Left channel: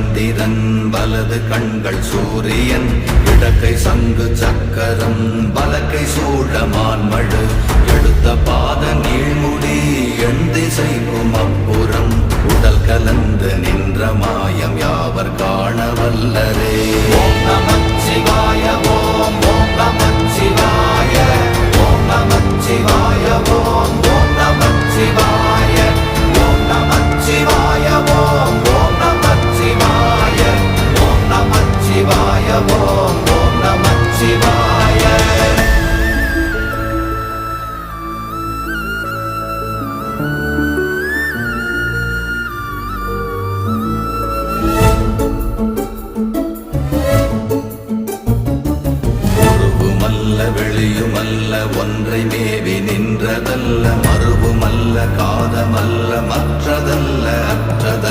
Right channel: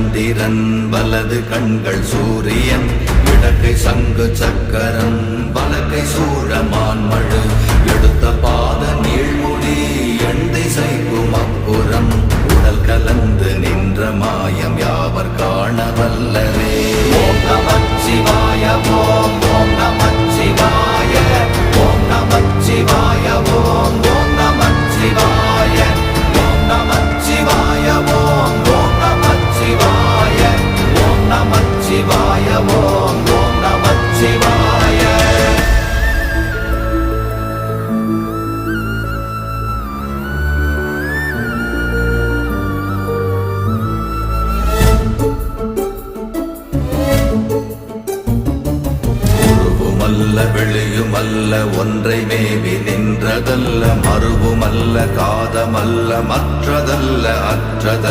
சந்திரன் வலது கண்கள் சூரியன் இடக்கை சங்கு சக்கரம் வலக்கை சூழமான்மழு எடுத்த பாத நீழ்முடி எண் திசைக்கும் அப்புறம் உடல் கலந்து நின்ற மாயம் யாவர் காண வல்லரே. ஓம் நமச்சிவாய ஓம் ஓம் நமச்சிவாய ஓம் நமச்சிவாய ஓம் ஓம் நமச்சிவாய ஓம் நமச்சிவாய ஓம் ஓம் நமச்சிவாய ஓம் நமச்சிவாய ஓம் ஓம் நமச்சிவாய. வெளியுமல்ல ஒன்றை மேவி நின்றதல்ல மறுவுமல்ல காதமல்ல மற்றதல்ல அற்றதல்ல